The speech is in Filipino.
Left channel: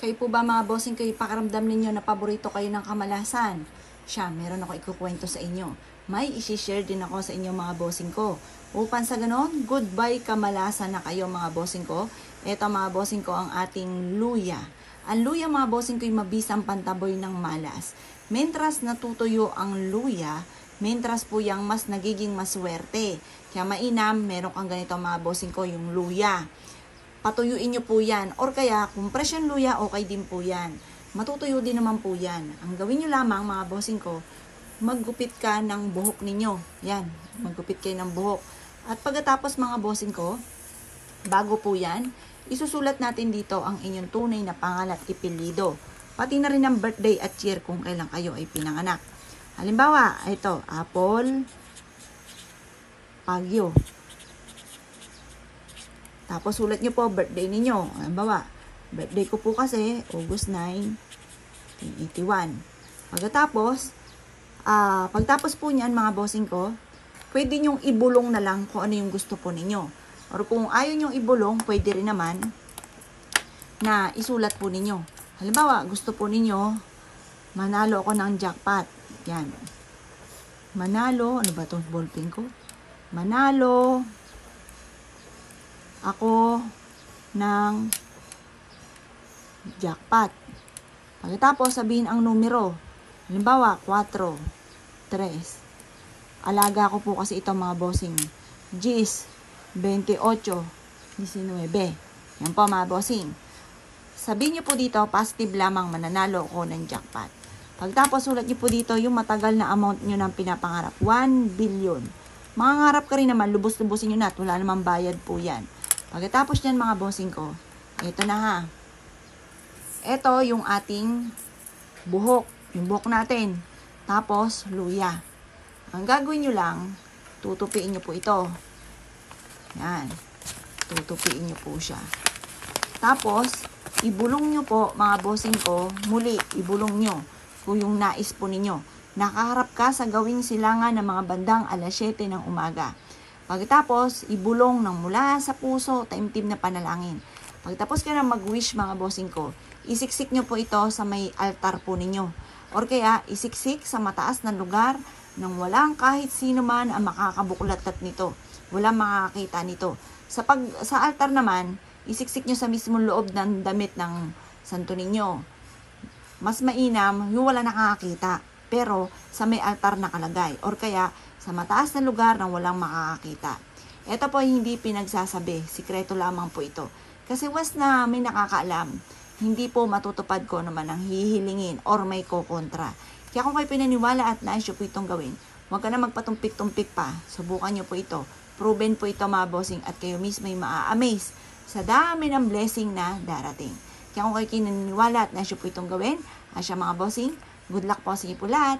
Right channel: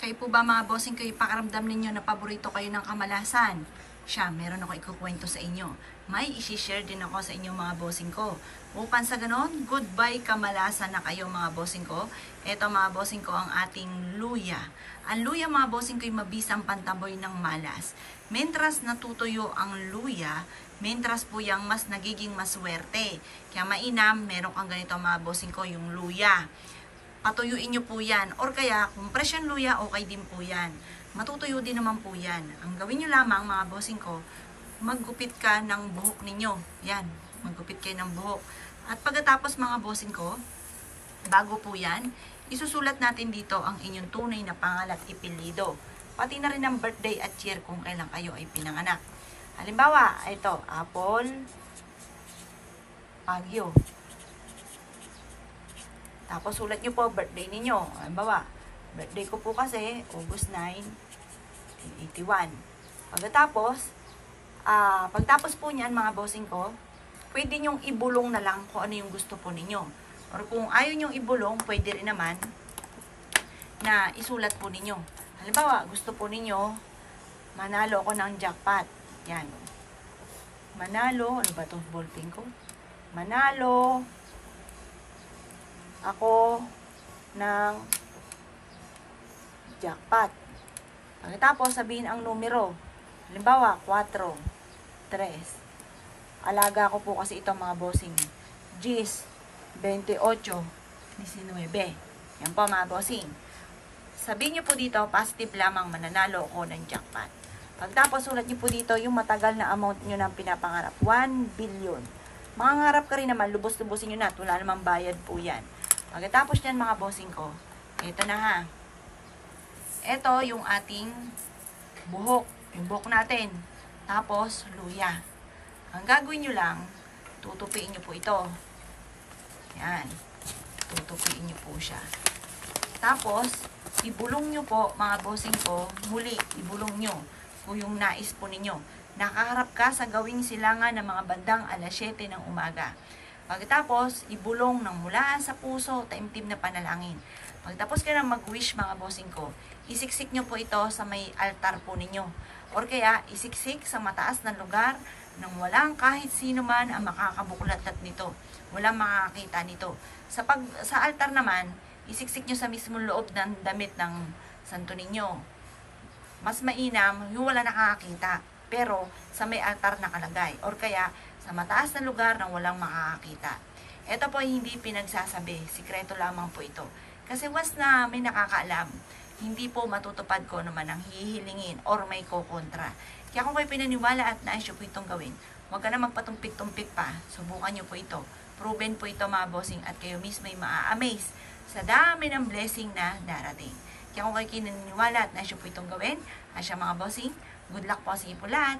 Kayo po ba mga bossing, kayo pakaramdam ninyo na paborito kayo ng kamalasan? Siya, meron ako ikukwento sa inyo. May isi-share din ako sa inyo mga bossing ko. Upang sa ganon, goodbye kamalasan na kayo mga bossing ko. Ito mga bossing ko ang ating luya. Ang luya mga bossing ko yung mabisang pantaboy ng malas. Mentras natutuyo ang luya, mentras po yung mas nagiging maswerte. Kaya mainam, meron kang ganito mga bossing ko, yung luya. Patuyuin nyo po yan. Or kaya, kung fresh yung luya, okay din po yan. Matutuyo din naman po yan. Ang gawin nyo lamang, mga bossing ko, maggupit ka ng buhok ninyo. Yan, maggupit kayo ng buhok. At pagkatapos mga bossing ko, bago po yan, isusulat natin dito ang inyong tunay na pangalan at ipilido. Pati na rin ang birthday at year kung kailan kayo ay pinanganak. Halimbawa, ito, Apple Pagyo. Tapos sulat nyo po birthday ninyo. Halimbawa, birthday ko po kasi August 9, 1981. Pagtapos po niyan mga bossing ko, pwede nyong ibulong na lang kung ano yung gusto po ninyo. Or kung ayaw nyong ibulong, pwede rin naman na isulat po ninyo. Halimbawa, gusto po ninyo, manalo ako ng jackpot. Yan. Manalo, ano ba itong ballpen ko? Manalo ako ng jackpot. Pagkatapos sabihin ang numero. Halimbawa, 4, 3. Alaga ko po kasi ito mga bossing. 10, 28, 19. Yan po mga bossing. Sabihin nyo po dito, positive lamang mananalo ko ng jackpot. Pagkatapos sulat nyo po dito yung matagal na amount nyo ng pinapangarap. 1 billion. Mangangarap ka rin naman, lubos-lubosin nyo na. Wala namang bayad po yan. Pagkatapos nyan mga bossing ko, ito na ha. Ito yung ating buhok. Yung buhok natin. Tapos, luya. Ang gagawin nyo lang, tutupiin nyo po ito. Yan. Tutupiin nyo po siya. Tapos, ibulong nyo po mga bossing ko, muli, ibulong nyo kung yung nais po ninyo. Nakaharap ka sa gawing silangan ng mga bandang alas 7 ng umaga. Pagkatapos, ibulong ng mula sa puso, taimtim na panalangin. Pagkatapos ka na mag-wish mga bossing ko, isiksik nyo po ito sa may altar po ninyo. Or kaya, isiksik sa mataas na lugar nang walang kahit sino man ang makakabuklat nito. Walang makakakita nito. Sa altar naman, isiksik nyo sa mismong loob ng damit ng santo ninyo. Mas mainam, yung wala nakakakita. Pero, sa may altar nakalagay. Or kaya, sa mataas na lugar nang walang makakakita. Ito po ay hindi pinagsasabi. Sikreto lamang po ito. Kasi once na may nakakaalam, hindi po matutupad ko naman ang hihilingin or may kukontra. Kaya kung kayo pinaniwala at nais nyo po itong gawin, huwag ka na magpatumpik-tumpik pa. Subukan nyo po ito. Proven po ito mga bossing at kayo mismo ay maa-amaze sa dami ng blessing na darating. Kaya kung kayo kinaniwala at nais nyo po itong gawin, asya mga bossing, good luck po sa inyo po lahat.